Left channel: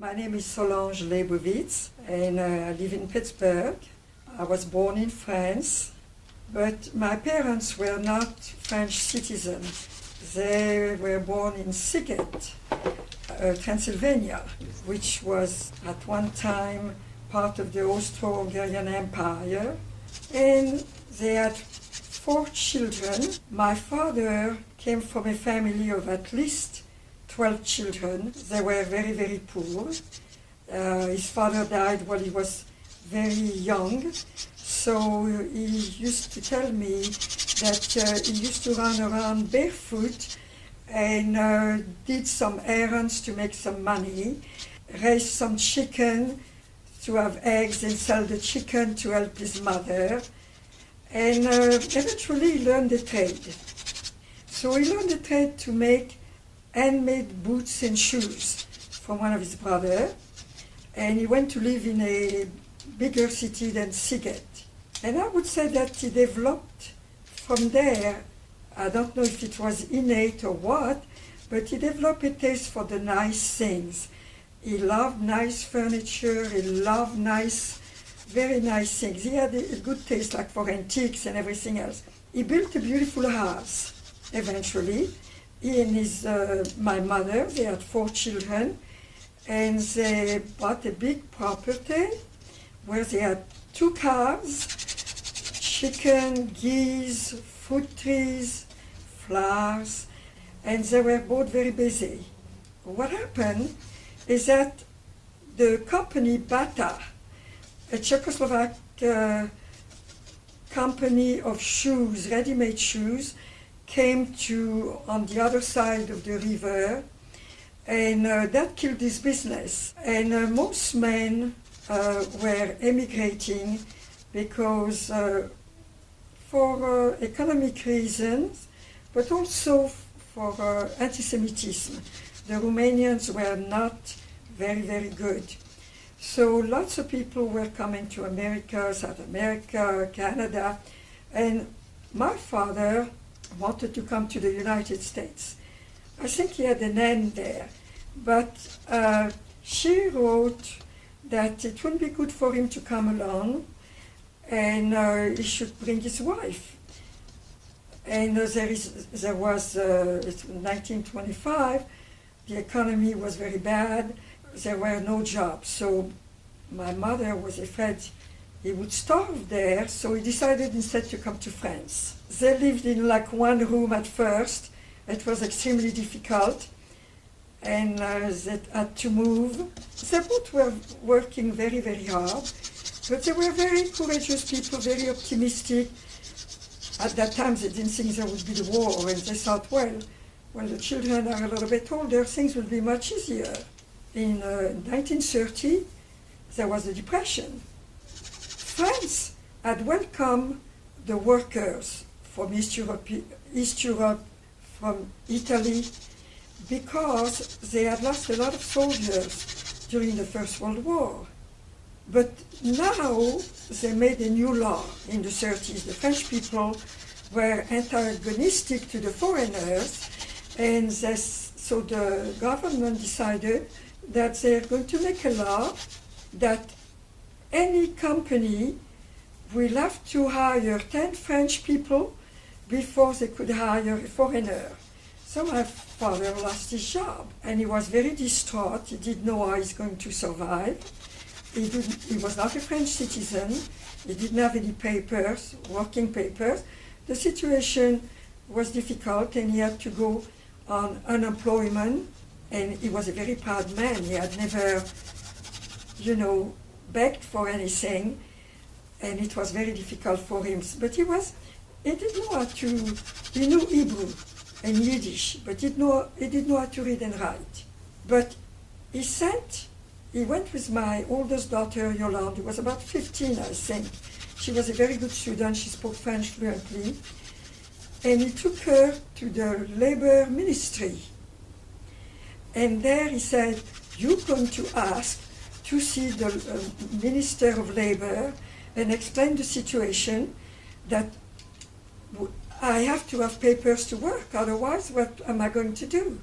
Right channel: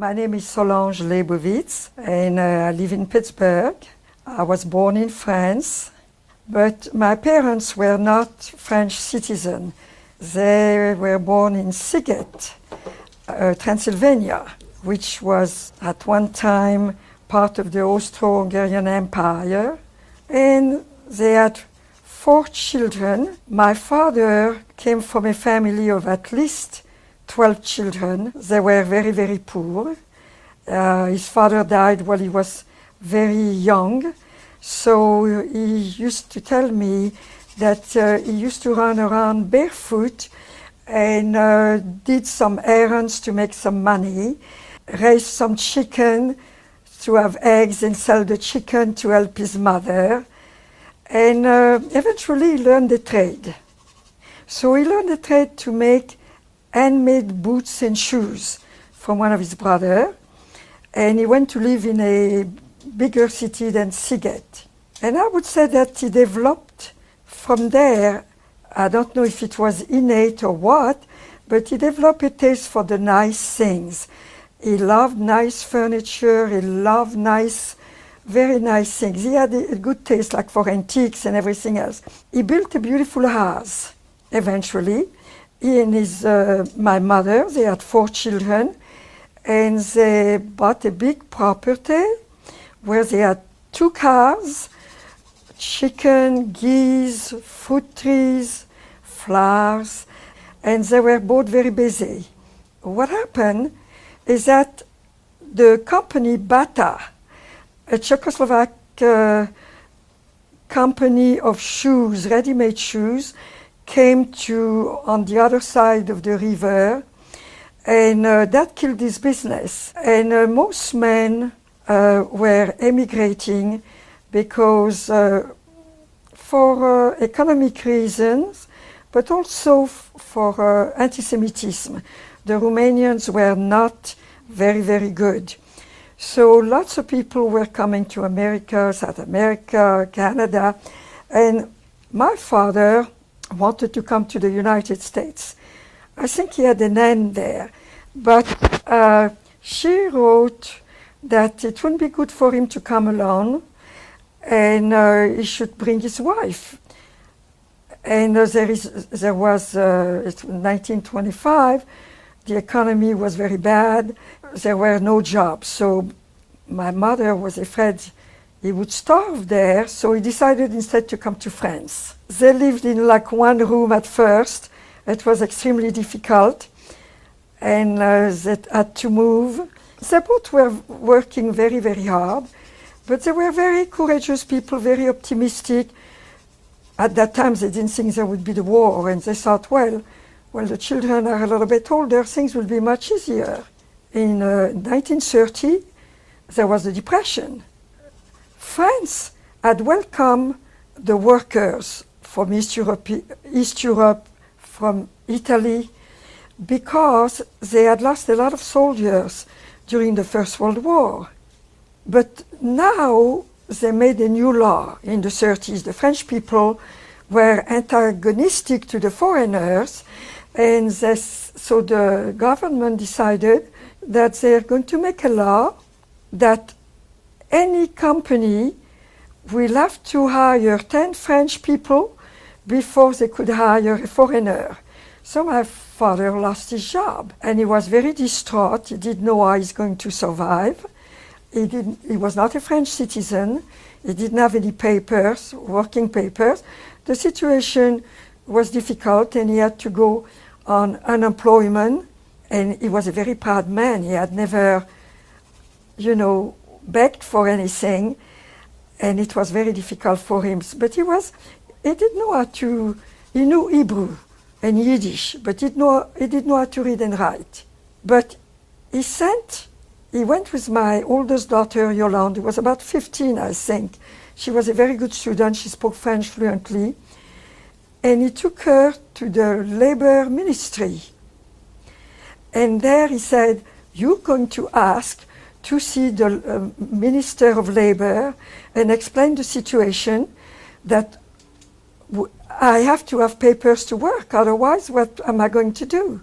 My name is Solange Lebovitz and I live in Pittsburgh. I was born in France, but my parents were not French citizens. They were born in Siget, Transylvania, which was at one time part of the Austro-Hungarian Empire. And they had 4 children. My father came from a family of at least 12 children. They were very, very poor. His father died while he was very young. So he used to tell me that he used to run around barefoot and did some errands to make some money, raised some chicken to have eggs and sell the chicken to help his mother, and eventually he learned the trade. So he learned the trade to make handmade boots and shoes from one of his brothers, and he went to live in a bigger city than Siget. And I would say that he developed from there, I don't know if it was innate or what, but he developed a taste for the nice things. He loved nice furniture, he loved very nice things. He had a good taste like for antiques and everything else. He built a beautiful house eventually. He and my mother, they had 4 children, and they bought a big property where they had 2 cars, chicken, geese, fruit trees, flowers, and they were both very busy. What happened is that the company Bata, a Czechoslovak company of shoes, ready-made shoes, came to on the other side of the river, and that killed his business. And most men were emigrating because for economic reasons, but also for anti-Semitism. The Romanians were not very, very good. So lots of people were coming to America, South America, Canada, and my father wanted to come to the United States. I think he had an aunt there, but she wrote that it wouldn't be good for him to come alone, and he should bring his wife. And there was 1925, the economy was very bad, there were no jobs, so my mother was afraid he would starve there, so he decided instead to come to France. They lived in like one room at first. It was extremely difficult, and they had to move. They both were working very, very hard, but they were very courageous people, very optimistic. At that time, they didn't think there would be the war, and they thought, well, the children are a little bit older, things will be much easier. In 1930, there was the Depression. France had welcomed the workers from East Europe, from Italy, because they had lost a lot of soldiers during the First World War. But now they made a new law in the 30s. The French people were antagonistic to the foreigners, and so the government decided that they are going to make a law that any company will have to hire 10 French people before they could hire a foreigner. So my father lost his job, and he was very distraught. He didn't know how he's going to survive. He was not a French citizen. He didn't have any papers, working papers. The situation was difficult, and he had to go on unemployment. And he was a very proud man. He had never, begged for anything, and it was very difficult for him. But he didn't know he knew Hebrew and Yiddish, but he didn't know how to read and write. But he went with my oldest daughter, Yolande, who was about 15, I think. She was a very good student, she spoke French fluently. And he took her to the labor ministry. And there he said, you're going to ask to see the Minister of Labor and explain the situation that I have to have papers to work, otherwise what am I going to do?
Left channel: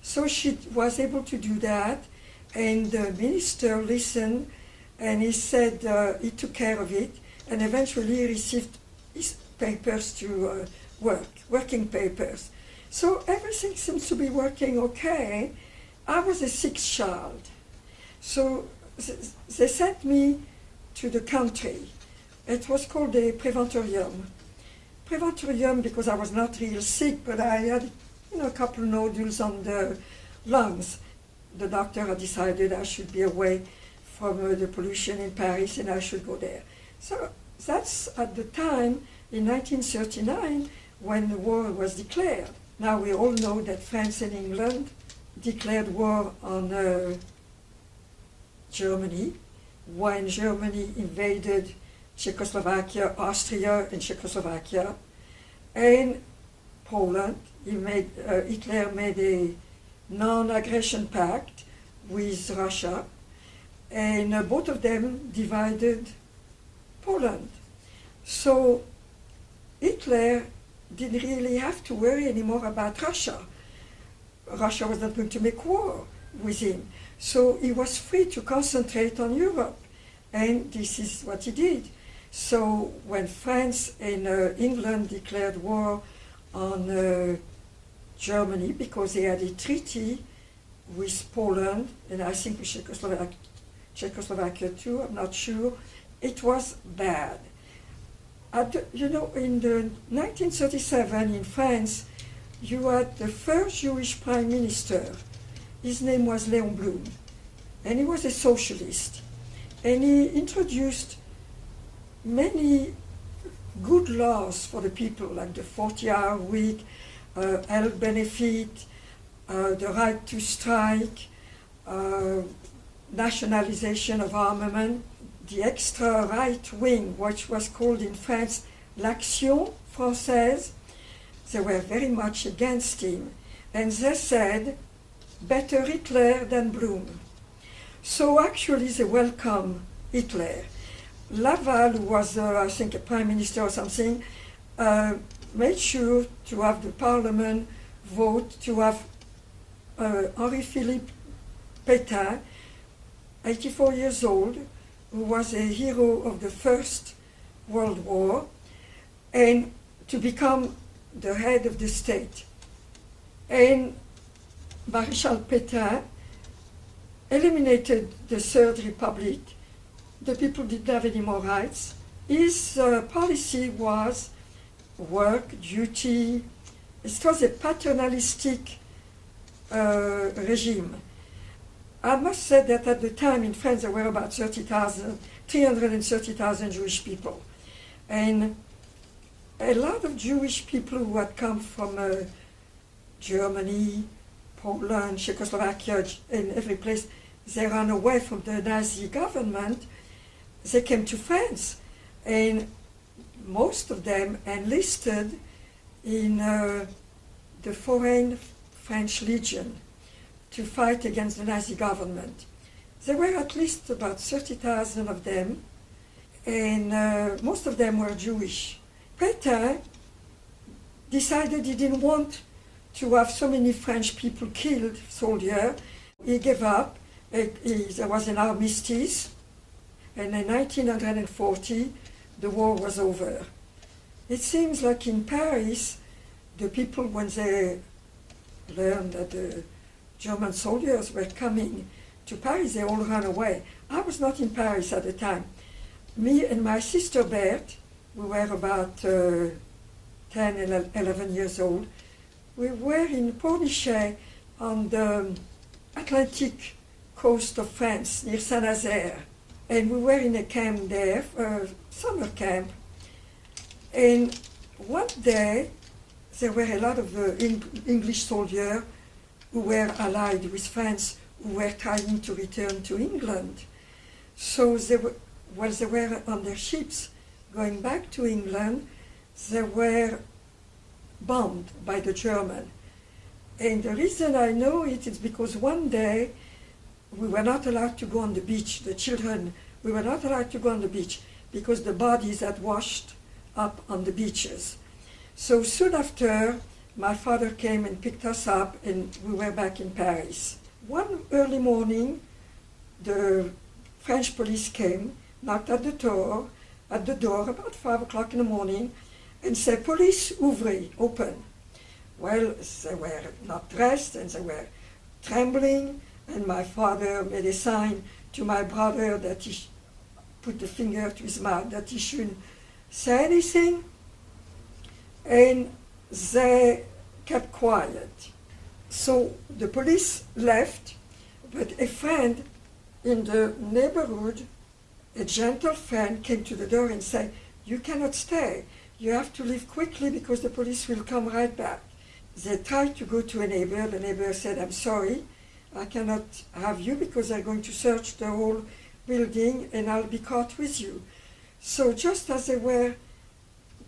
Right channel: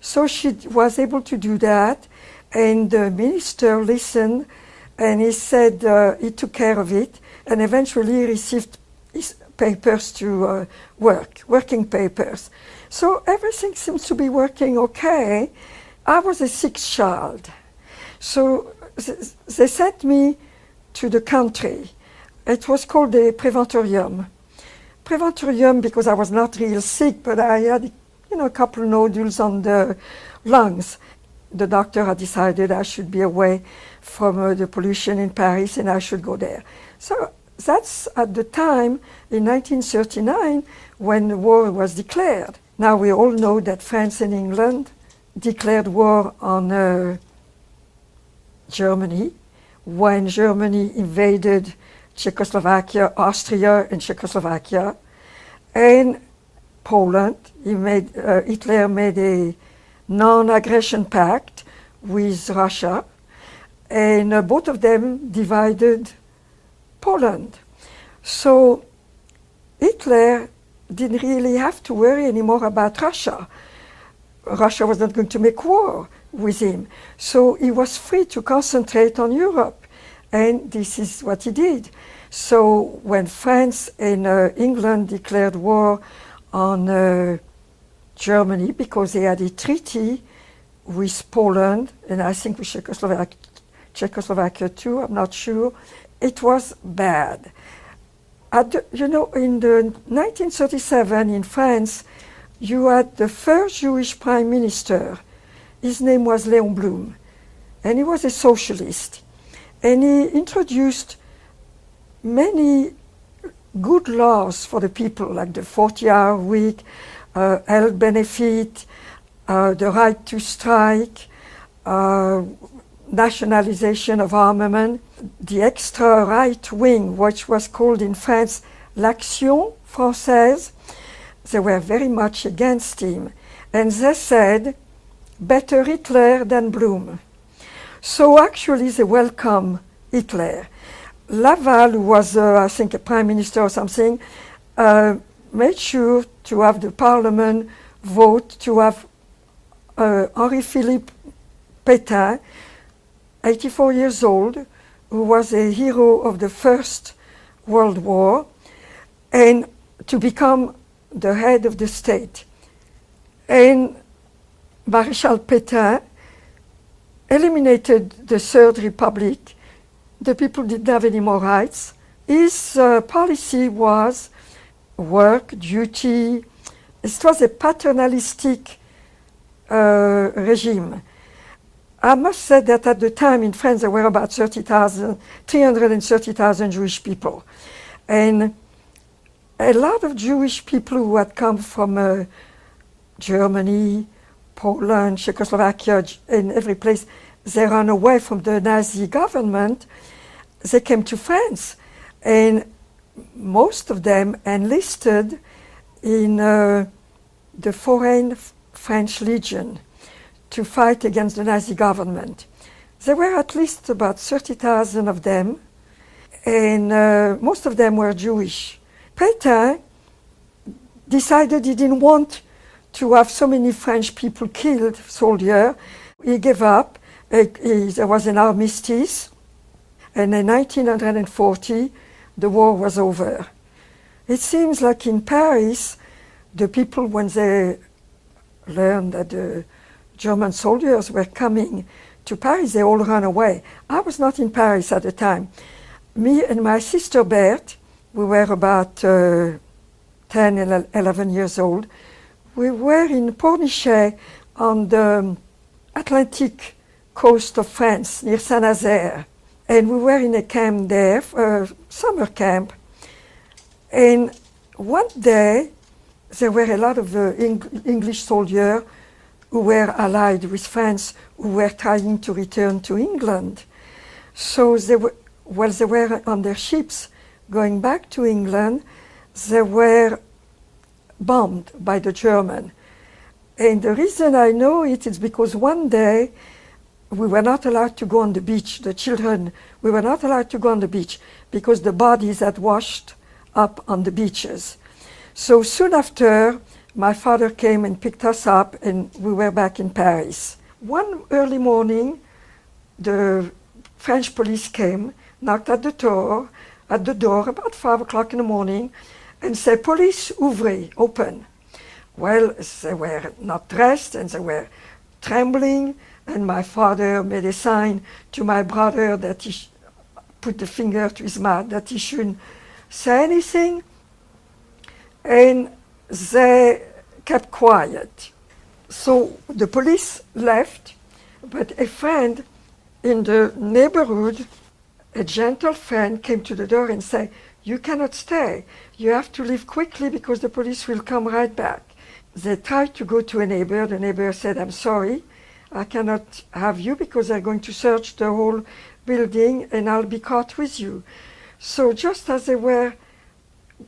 So she was able to do that, And the minister listened, and he said he took care of it, and eventually received his papers to working papers. So everything seems to be working okay. I was a sixth child. So they sent me to the country. It was called the Preventorium. Preventorium because I was not real sick, but I had, a couple of nodules on the lungs. The doctor had decided I should be away from the pollution in Paris and I should go there. So that's at the time in 1939 when the war was declared. Now we all know that France and England declared war on Germany when Germany invaded Czechoslovakia, Austria and Czechoslovakia, and Poland. Hitler made a non-aggression pact with Russia, and both of them divided Poland. So Hitler didn't really have to worry anymore about Russia. Russia was not going to make war with him. So he was free to concentrate on Europe, and this is what he did. So when France and England declared war on Germany because they had a treaty with Poland, and I think with Czechoslovakia too, I'm not sure, it was bad. In the 1937 in France, you had the first Jewish prime minister. His name was Léon Blum, and he was a socialist. And he introduced many good laws for the people, like the 40-hour week, health benefit, the right to strike, nationalization of armament, the extra right wing, which was called in France l'Action Française. They were very much against him. And they said, better Hitler than Blum. So actually they welcomed Hitler. Laval, who was, I think, a prime minister or something, made sure to have the parliament vote to have Henri-Philippe Pétain, 84 years old, who was a hero of the First World War, and to become the head of the state. And Maréchal Pétain eliminated the Third Republic. The people didn't have any more rights. His policy was work, duty. It was a paternalistic regime. I must say that at the time in France there were about 330,000 Jewish people. And a lot of Jewish people who had come from Germany, Poland, Czechoslovakia, in every place, they ran away from the Nazi government. They came to France, and most of them enlisted in the Foreign French Legion to fight against the Nazi government. There were at least about 30,000 of them, and most of them were Jewish. Pétain decided he didn't want to have so many French people killed, soldiers. He gave up. There was an armistice, and in 1940, the war was over. It seems like in Paris, the people, when they learned that the German soldiers were coming to Paris, they all ran away. I was not in Paris at the time. Me and my sister Berthe, we were about 10 and 11 years old. We were in Pornichet on the Atlantic coast of France, near Saint-Nazaire. And we were in a camp there, a summer camp. And one day, there were a lot of English soldiers who were allied with France, who were trying to return to England. So they were, while they were on their ships going back to England, they were bombed by the German. And the reason I know it is because one day we were not allowed to go on the beach, the children, we were not allowed to go on the beach because the bodies had washed up on the beaches. So soon after, my father came and picked us up and we were back in Paris. One early morning, the French police came, knocked at the door about 5 o'clock in the morning, and said, "Police, ouvrez, open." Well, they were not dressed and they were trembling, and my father made a sign to my brother that he put the finger to his mouth, that he shouldn't say anything, and they kept quiet. So the police left, but a friend in the neighborhood, a gentle friend, came to the door and said, "You cannot stay. You have to leave quickly because the police will come right back." They tried to go to a neighbor. The neighbor said, "I'm sorry, I cannot have you because they're going to search the whole building and I'll be caught with you." So just as they were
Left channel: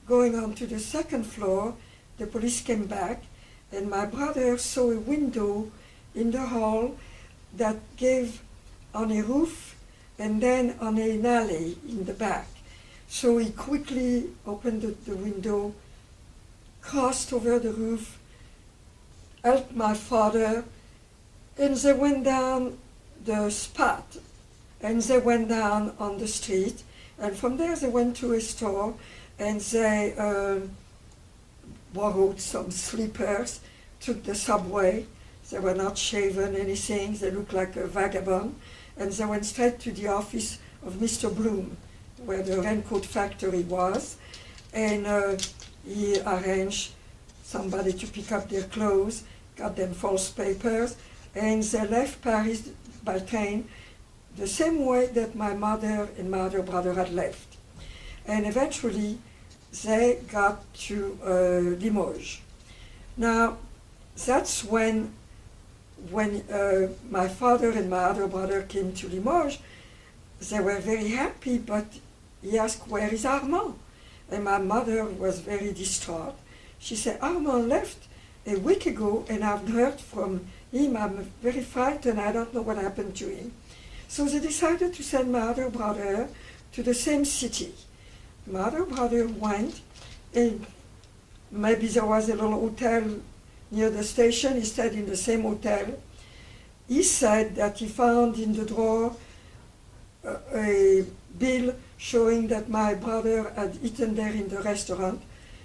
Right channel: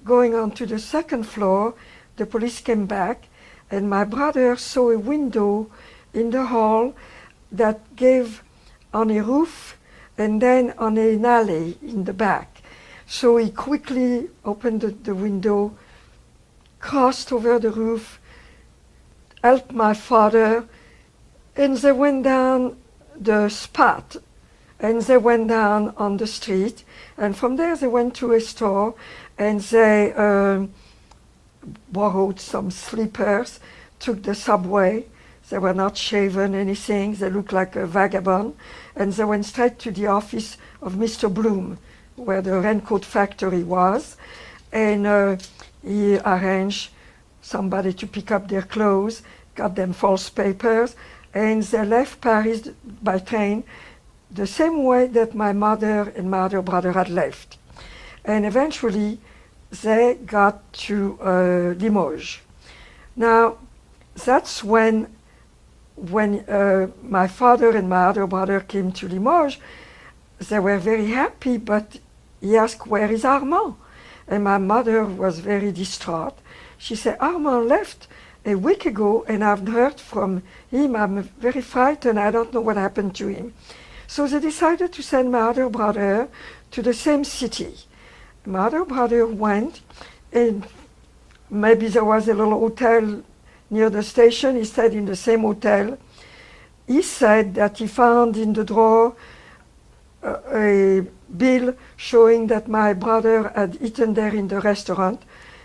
going on to the second floor, the police came back, and my brother saw a window in the hall that gave on a roof and then on an alley in the back. So he quickly opened the window, crossed over the roof, helped my father, and they went down the spot, and they went down on the street, and from there they went to a store, and they borrowed some slippers, took the subway. They were not shaven, anything. They looked like a vagabond, and they went straight to the office of Mr. Bloom, where the raincoat factory was, and he arranged somebody to pick up their clothes, got them false papers, and they left Paris by train the same way that my mother and my other brother had left. And eventually they got to Limoges. Now, that's when my father and my other brother came to Limoges. They were very happy, but he asked, "Where is Armand?" And my mother was very distraught. She said, "Armand left a week ago and I've heard from him. I'm very frightened. I don't know what happened to him." So they decided to send my other brother to the same city. My other brother went, and maybe there was a little hotel near the station. He stayed in the same hotel. He said that he found in the drawer a bill showing that my brother had eaten there in the restaurant,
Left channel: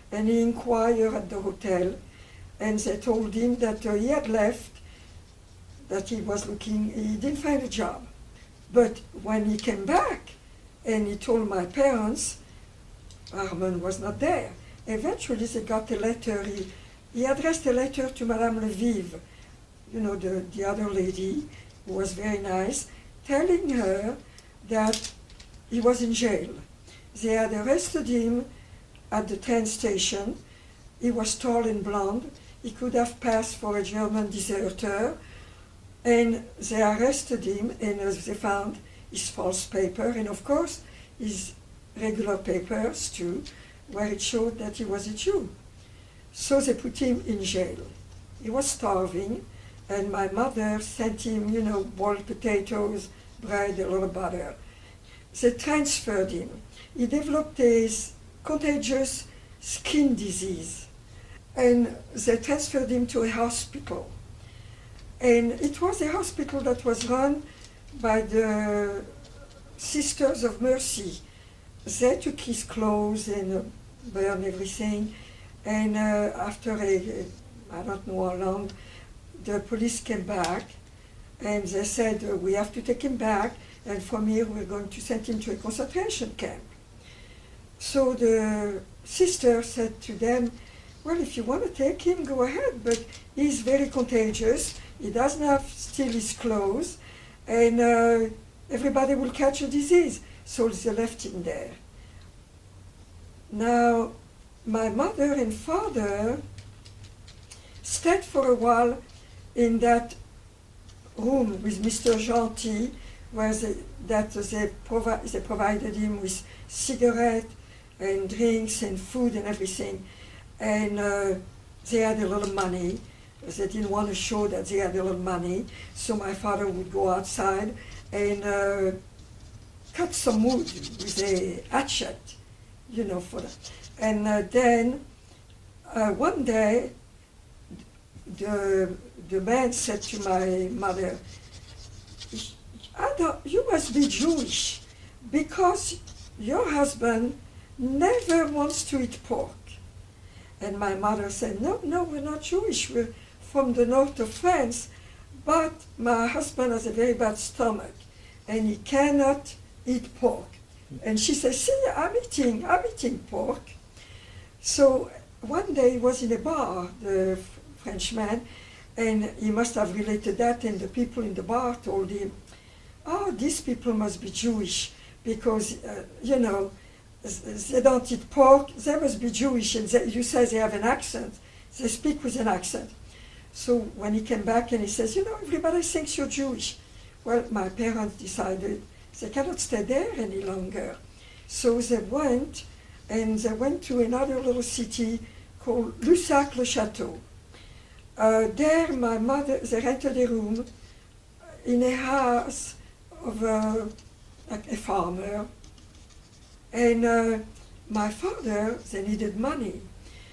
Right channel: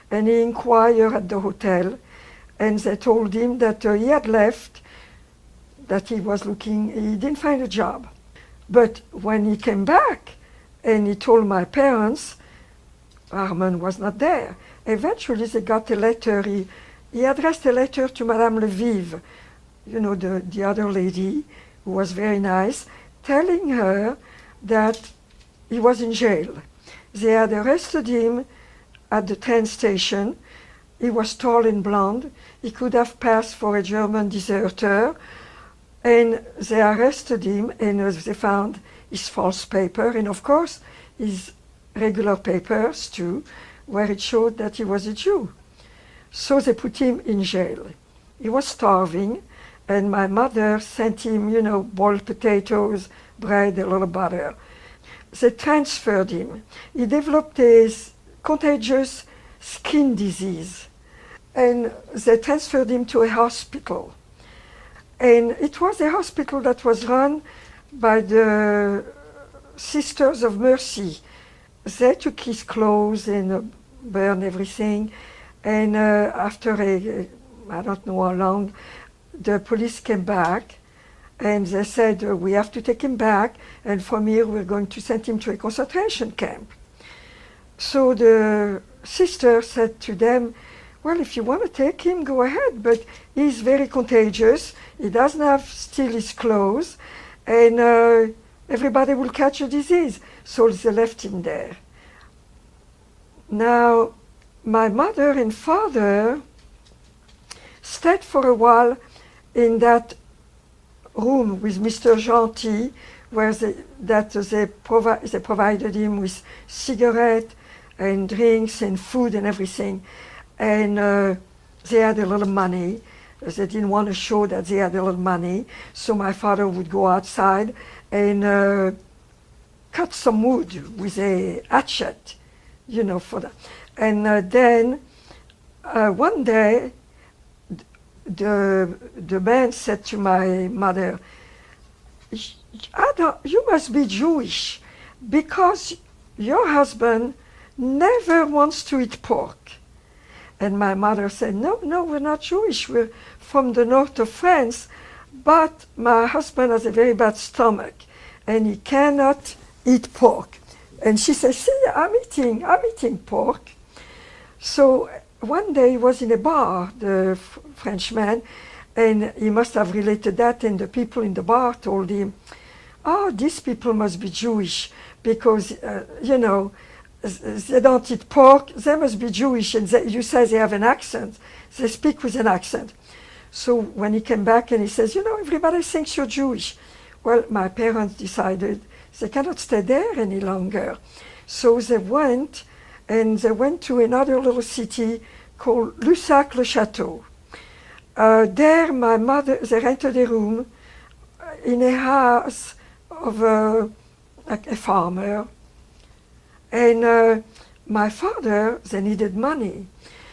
and he inquired at the hotel, and they told him that he had left, that he was looking, he didn't find a job. But when he came back and he told my parents, Armand was not there. Eventually they got a letter, he addressed a letter to Madame Lviv, you know, the other lady, who was very nice, telling her that he was in jail. They had arrested him at the train station. He was tall and blonde. He could have passed for a German deserter. And they arrested him, and they found his false paper, and of course his regular papers too, where it showed that he was a Jew. So they put him in jail. He was starving, and my mother sent him, you know, boiled potatoes, bread, a little butter. They transferred him. He developed a contagious skin disease, and they transferred him to a hospital. And it was a hospital that was run by the Sisters of Mercy. They took his clothes and burned everything. And after I don't know how long, the police came back and they said, "We have to take him back, and from here we're going to send him to a concentration camp." So the sister said to them, "Well, if you want to take him, go ahead, but he's very contagious. He doesn't have still his clothes, and everybody will catch a disease." So they left him there. Now, my mother and father stayed for a while in that room with Mr. Gentil, where they provided him with cigarettes and drinks and food and everything. And they had a little money. They didn't want to show that they had a little money, so my father would go outside and cut some wood with a hatchet, you know, for that. And then one day, the man said to my mother, You must be Jewish because your husband never wants to eat pork. And my mother said, no, no, we're not Jewish. We're from the north of France. But my husband has a very bad stomach and he cannot eat pork. And she said, see, I'm eating pork. So one day he was in a bar, the Frenchman, and he must have related that, and the people in the bar told him, oh, these people must be Jewish because, you know, they don't eat pork, they must be Jewish, and you say they have an accent, they speak with an accent. So when he came back and he says, you know, everybody thinks you're Jewish. Well, my parents decided they cannot stay there any longer. So they went, and they went to another little city called Lussac-le-Château. There, my mother, they rented a room in a house of a farmer. And my father, they needed money.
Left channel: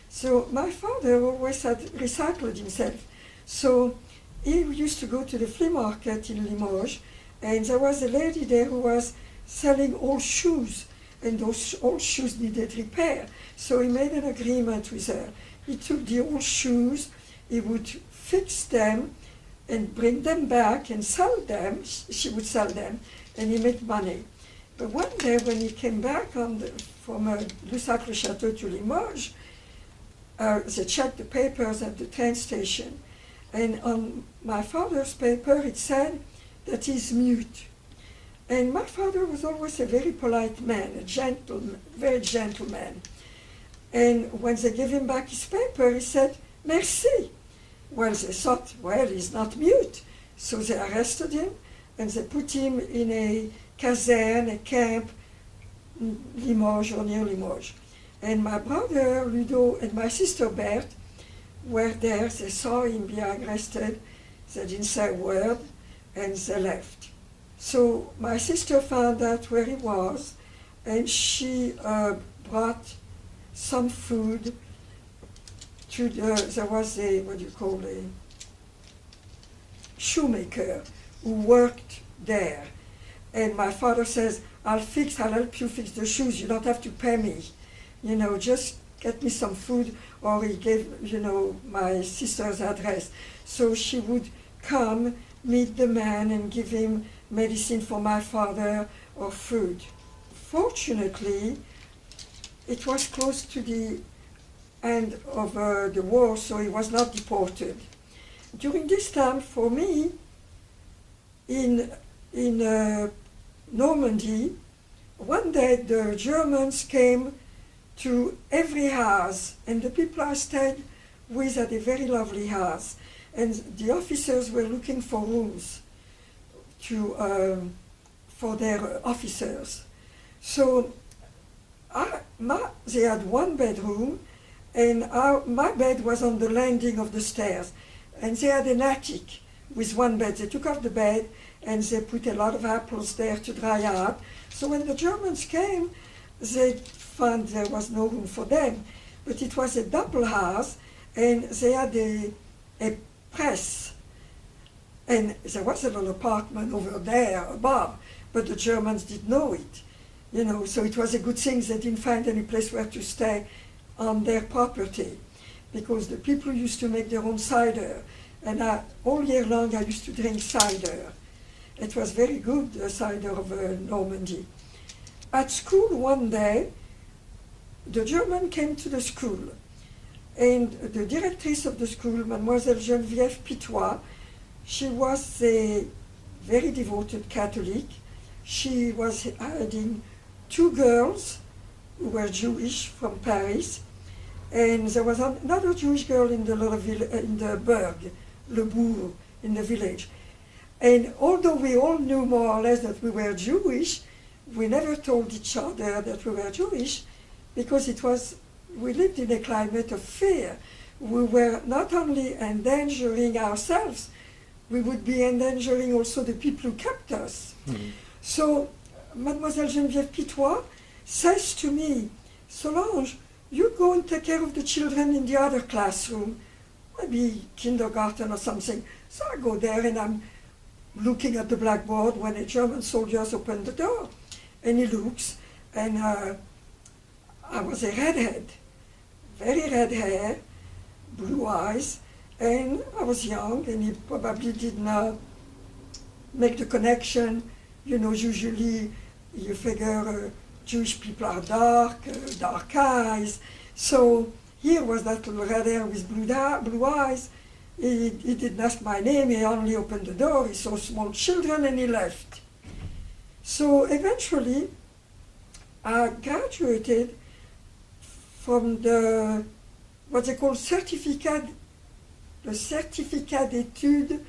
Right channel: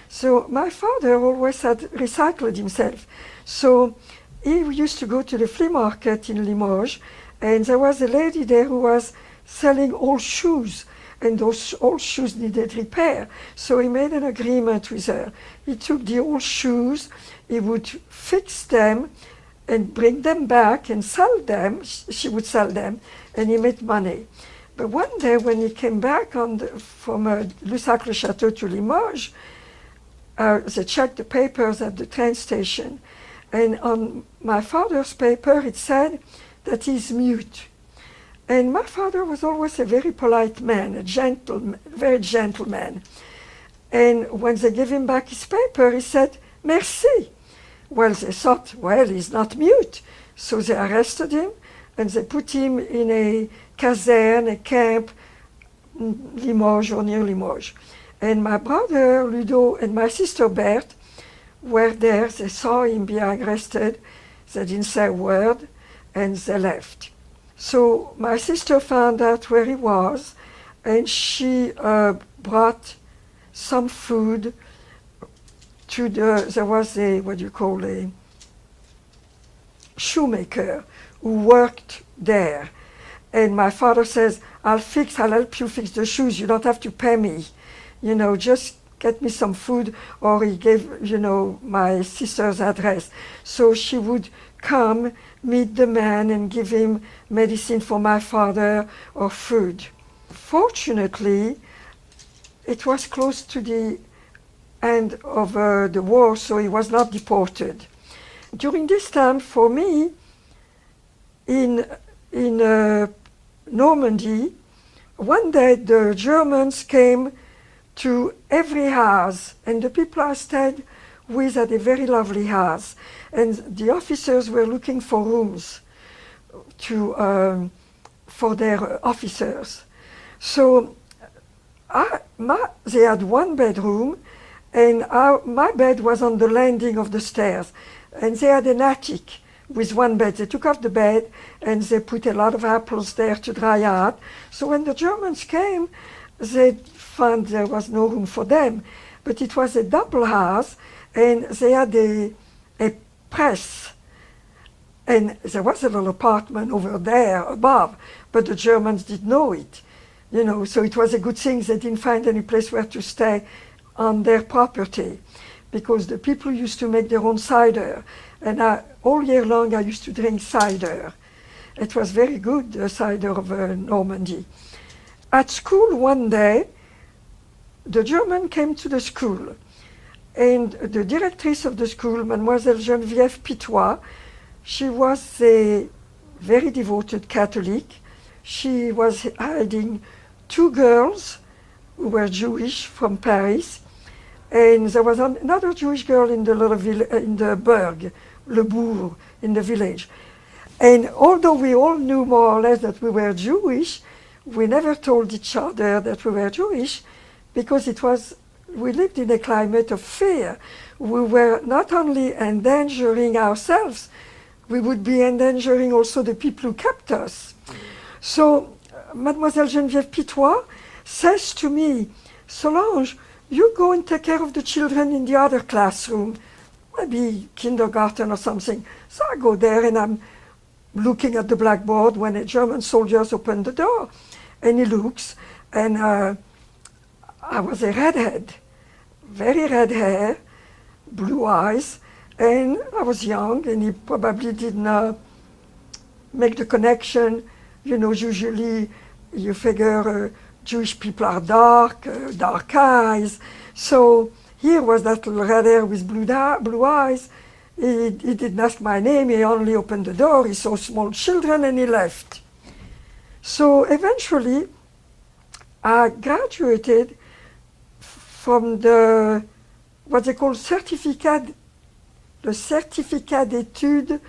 So my father always had recycled himself. So he used to go to the flea market in Limoges, and there was a lady there who was selling old shoes, and those old shoes needed repair. So he made an agreement with her. He took the old shoes, he would fix them and bring them back and sell them. She would sell them, and he made money. But one day when he came back from Lussac-le-Château to Limoges, they checked the papers at the train station, and on my father's paper it said that he's mute. And my father was always a very polite man, very gentleman. And when they gave him back his paper, he said, merci. Well, they thought, well, he's not mute. So they arrested him, and they put him in a caserne, a camp, Limoges or near Limoges. And my brother Ludo and my sister Berthe were there. They saw him being arrested. They didn't say a word, and they left. So my sister found out where he was, and she brought some food to there was a, a shoemaker who worked there. And my father says, I'll help you fix the shoes, you don't have to pay me. You know, just get me some food, or he gave, you know, my sister's address. So she would come, meet the man, and give him medicine for my father or food. Fortunately, it was close to the end of the war, so he was not deported. During this time, for me, in Normandy, one day the Germans came to every house, and the people I stayed with had a very lovely house, and the officers were looking for rooms for their officers. So they had one bedroom, and my bed was on the landing of the stairs, and they had an attic with one bed. They took off the bed and they put a lot of apples there to dry out. So when the Germans came, they found there was no room for them. But it was a double house, and they had a press. And there was a little apartment over there above, but the Germans didn't know it. You know, so it was a good thing they didn't find any place where to stay on their property, because the people used to make their own cider. And all year long I used to drink cider. It was very good, the cider of Normandy. At school one day, the German came to the school, and the directrice of the school, Mademoiselle Geneviève Pitois, she was a very devoted Catholic. She was hiding two girls who were Jewish from Paris, and there was another Jewish girl in the little in the burg, Le Bourg, in the village. And although we all knew more or less that we were Jewish, we never told each other that we were Jewish, because we lived in a climate of fear. We were not only endangering ourselves, we would be endangering also the people who kept us. Mm-hmm. So Mademoiselle Geneviève Pitois says to me, Solange, you go and take care of the children in the other classroom, maybe kindergarten or something. So I go there and I'm looking at the blackboard when a German soldier opened the door. And he looks, and I was a redhead, very red hair, blue eyes, and I was young, and he probably didn't make the connection. You know, usually you figure Jewish people are dark, dark eyes. So here was that little red hair with blue eyes. He didn't ask my name, he only opened the door, he saw small children, and he left. So eventually, I graduated from what they call certificat d'études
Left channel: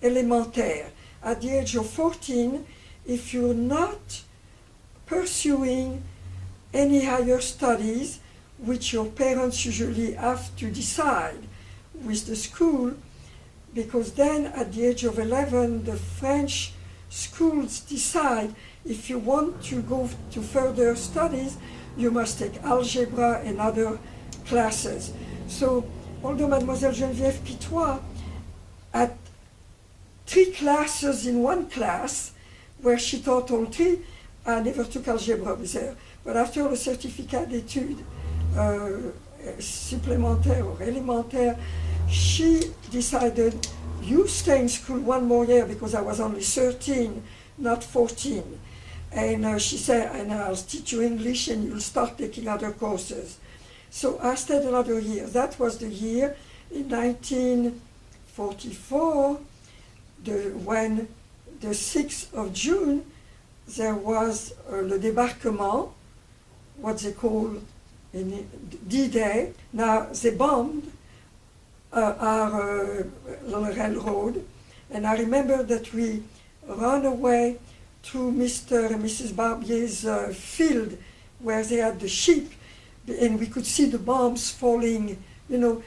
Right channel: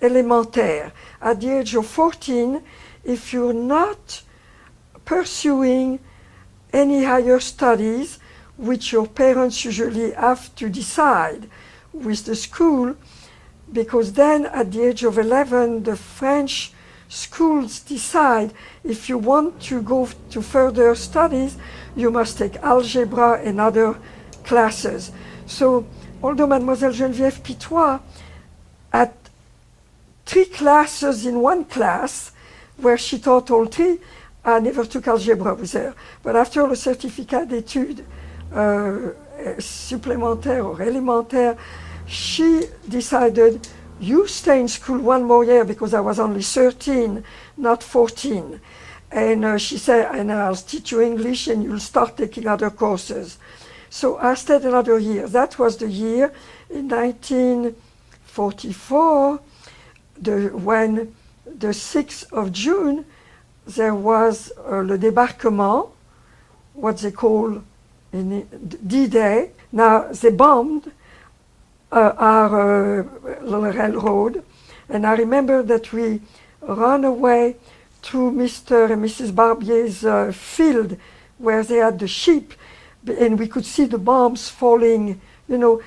élémentaires. At the age of 14, if you're not pursuing any higher studies, which your parents usually have to decide with the school, because then at the age of 11, the French schools decide if you want to go to further studies, you must take algebra and other classes. So, although Mademoiselle Geneviève Pitois had 3 classes in one class, where she taught all 3, I never took algebra with her. But after le certificat d'études supplémentaires or élémentaires, she decided, you stay in school 1 more year, because I was only 13, not 14. And she said, and I'll teach you English and you'll start taking other courses. So I stayed another year. That was the year in 1944, when the 6th of June, there was le débarquement, what they call D-Day. Now, they bombed our railroad, and I remember that we ran away to Mr. and Mrs. Barbier's field, where they had the sheep, and we could see the bombs falling, you know,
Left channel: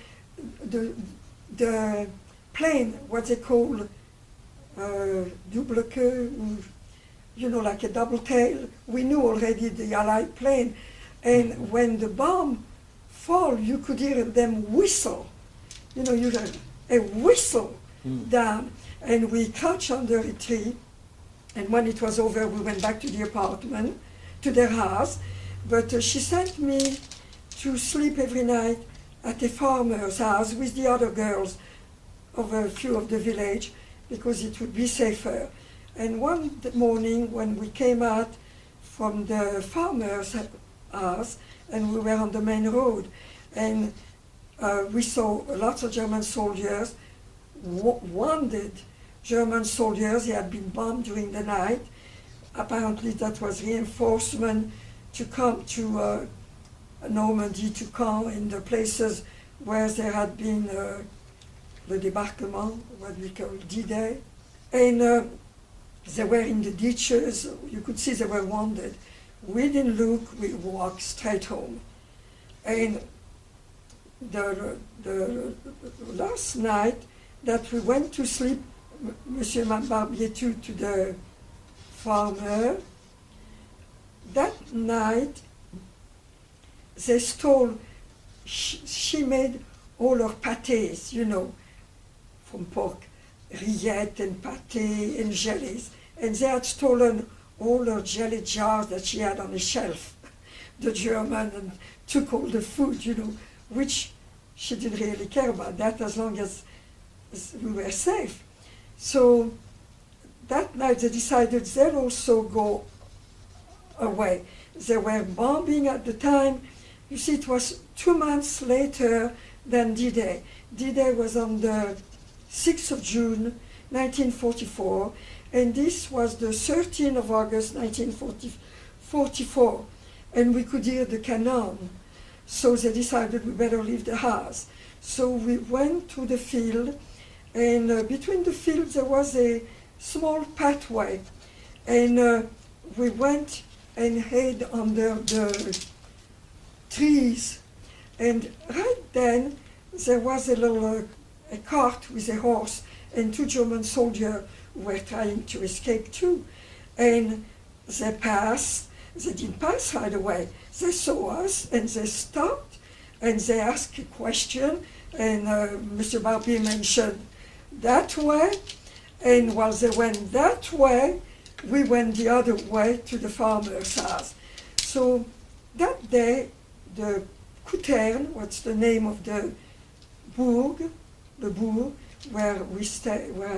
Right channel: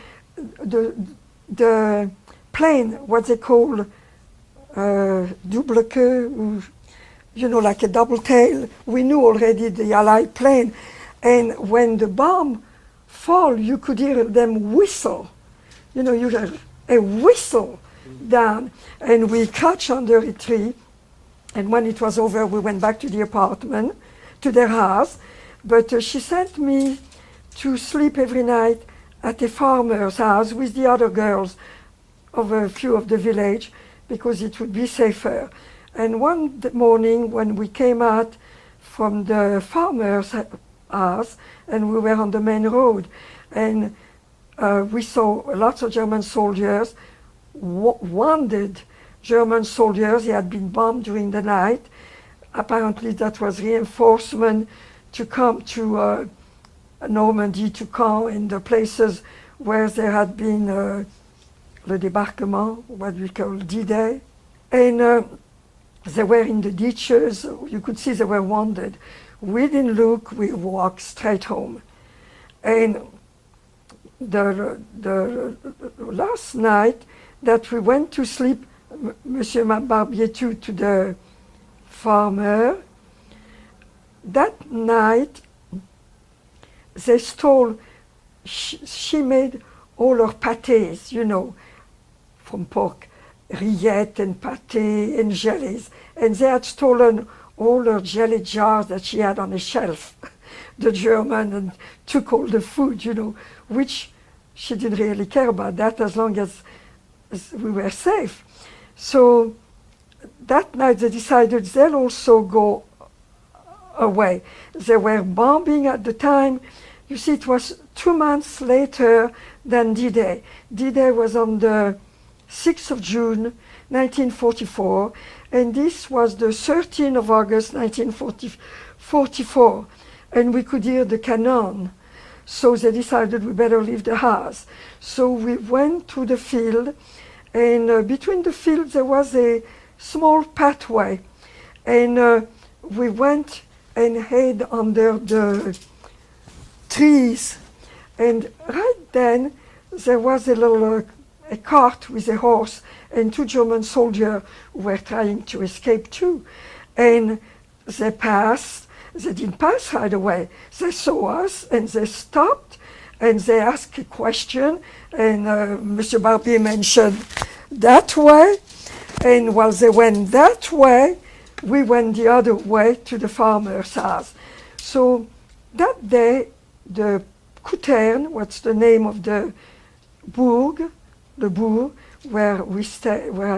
the plane, what they call double queue, you know, like a double tail. We knew already the Allied plane, and when the bomb fall, you could hear them whistle. You know, you heard a whistle down, and we crouched under a tree, and when it was over, we went back to the apartment, to their house, but she sent me to sleep every night at a farmer's house with the other girls of a few of the village, because it would be safer. And one morning, when we came out from the farmer's house, and we were on the main road, and we saw lots of German soldiers, wounded German soldiers. He had been bombed during the night. Apparently that was reinforcement to come to Normandy, to Caen, in the places where there had been le débarquement, what we call D-Day. And they were in the ditches. You could see they were wounded. We didn't look, we walked straight home. And the last night that we went to sleep, Monsieur Barbier to the farmer, that night they stole, she made all her pâtés, you know, from pork, rillettes and pâté and jellies, and they had stolen all her jelly jars that she had on a shelf, the German, and took all the food, you know, which she didn't really care about that as long as we were safe. So that night they decided they'll also go away. They were bombing at the time. You see, it was 2 months later than D-Day. D-Day was on the 6th of June, 1944, and this was the 13th of August, 1944, and we could hear the cannon. So they decided we better leave the house. So we went to the field, and between the fields there was a small pathway, and we went and hid under the trees. And right then there was a little a cart with a horse and 2 German soldiers who were trying to escape too. And they passed. They didn't pass right away. They saw us and they stopped and they asked a question, and Mr. Barbier mentioned that way, And while they went that way, we went the other way to the farmer's house. So that day, the Couterne, what's the name of the bourg, where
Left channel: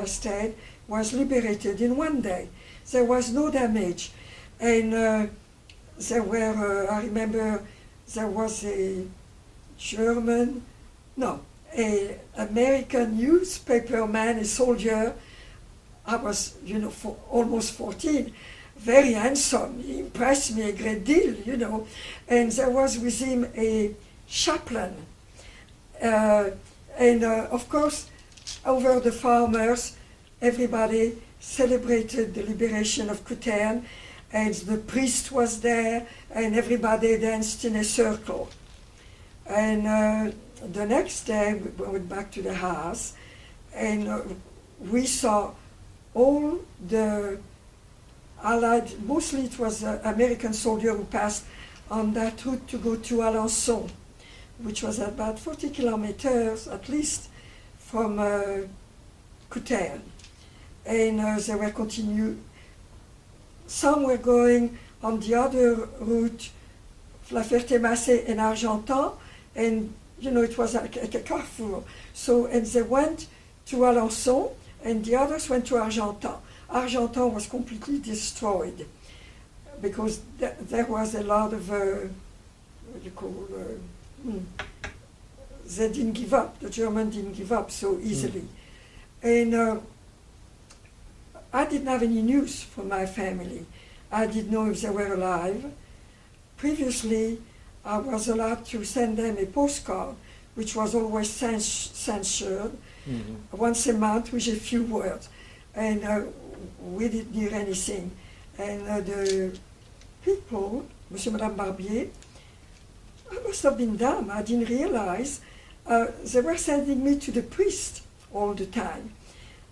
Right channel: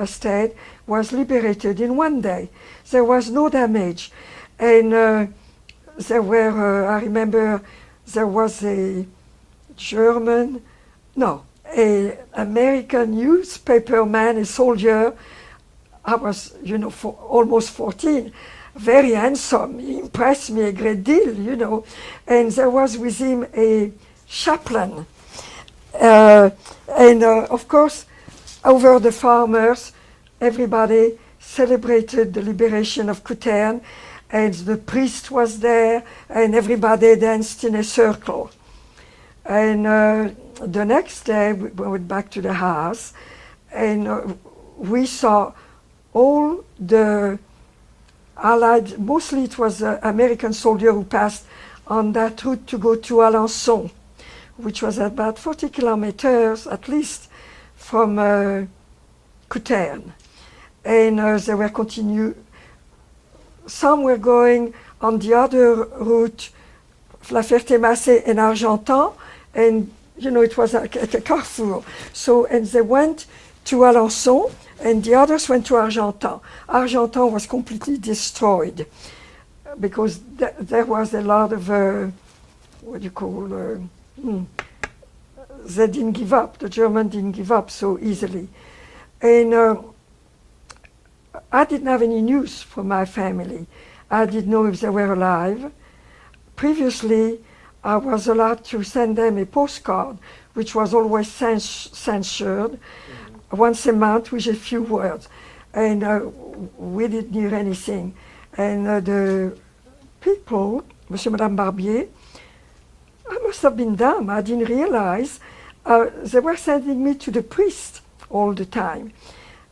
I stayed, was liberated in one day. There was no damage. And there were, I remember, there was an American newspaper man, a soldier. I was, almost 14, very handsome. He impressed me a great deal, And there was with him a chaplain. Of course, over the farmers, everybody celebrated the liberation of Couterne, and the priest was there, and everybody danced in a circle. And the next day, we went back to the house, and we saw all the Allied, mostly it was an American soldier who passed on that route to go to Alençon, which was about 40 kilometers at least from Couterne. And they were some were going on the other route, La Ferté-Macé and Argentan, and it was at a carrefour. And they went to Alençon, and the others went to Argentan. Argentan was completely destroyed because there was a lot of, they didn't give up, the Germans didn't give up so easily. And I didn't have any news from my family. I didn't know if they were alive. Previously, I was allowed to send them a postcard, which was always censored, once a month with a few words. And we didn't hear anything. And the people, Monsieur and Madame Barbier, I must have been dumb, I didn't realize, they were sending me to the priest all the time.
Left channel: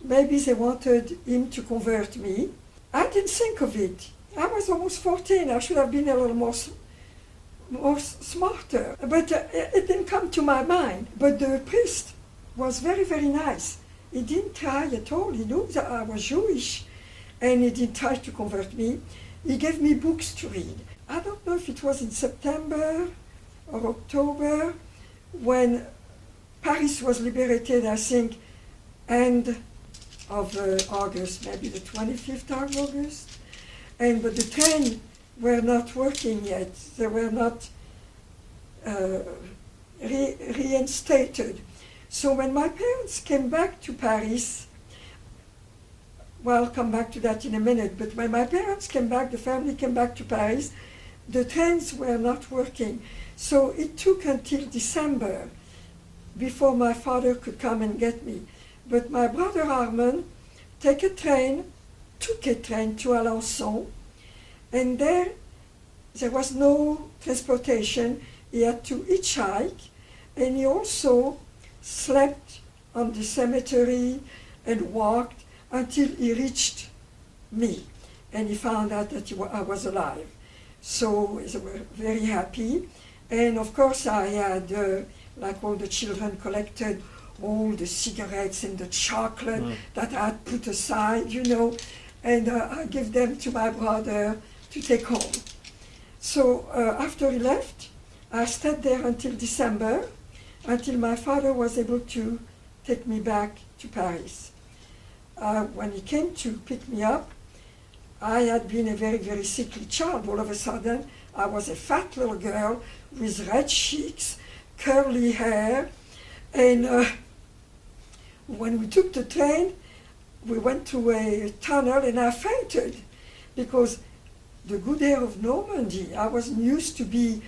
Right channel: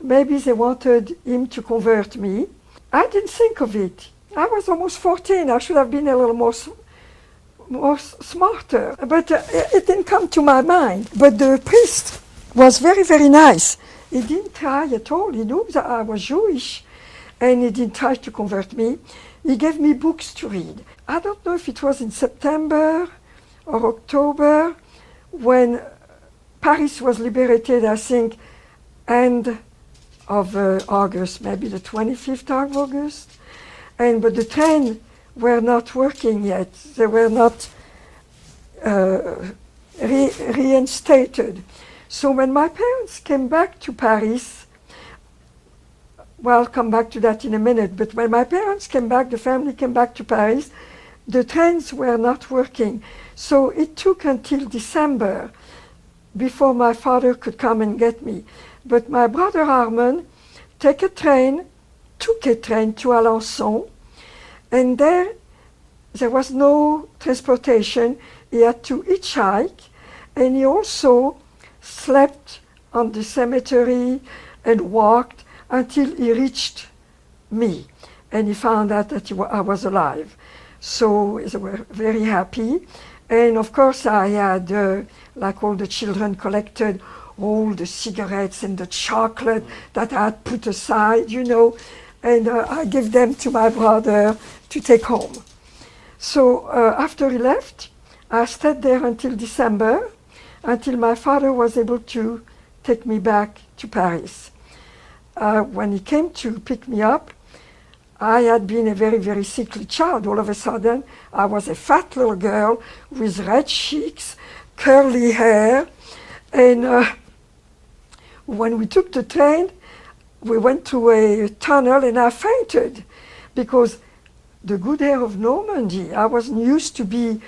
Maybe they wanted him to convert me. I didn't think of it. I was almost 14, I should have been a little more smarter, but it didn't come to my mind. But the priest was very, very nice. He didn't try at all. He knew that I was Jewish, and he didn't try to convert me. He gave me books to read. I don't know if it was in September or October when Paris was liberated, I think, end of August, maybe the 25th of August. But the train were not working yet. They were not reinstated. So when my parents came back to Paris, well, I'll come back to that in a minute, but when my parents came back, the family came back to Paris, the trains were not working. So it took until December before my father could come and get me. But my brother Armand took a train to Alençon, and there was no transportation. He had to hitchhike, and he also slept on the cemetery and walked until he reached me, and he found out that I was alive. So they were very happy, and of course I had, like all the children, collected all the cigarettes and the chocolate that I had put aside, and I gave them to my brother to take home. So after he left, I stayed there until December, until my father was able to take me back to Paris. When he came to pick me up, I had been a very, very sickly child. All of a sudden, I was a fat little girl with red cheeks, curly hair, and when we took the train, we went to a tunnel and I fainted because the good air of Normandy, I wasn't used to be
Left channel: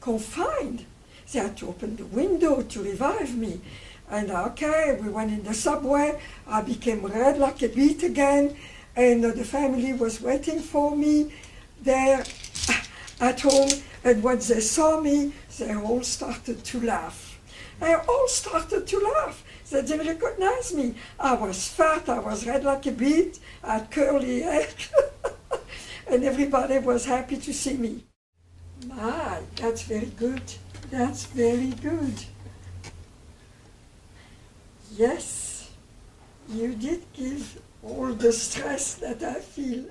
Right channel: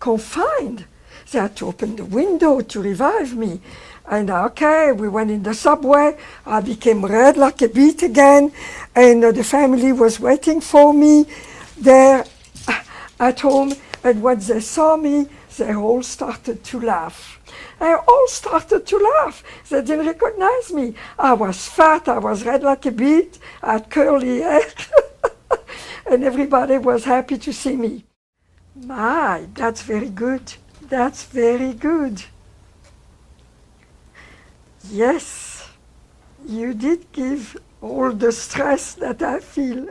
confined. They had to open the window to revive me. And okay, we went in the subway, I became red like a beet again, and the family was waiting for me there at home, and when they saw me, they all started to laugh. They all started to laugh. They didn't recognize me. I was fat, I was red like a beet, I had curly hair, and everybody was happy to see me. My, that's very good. That's very good. Yes, You did give all the stress that I feel.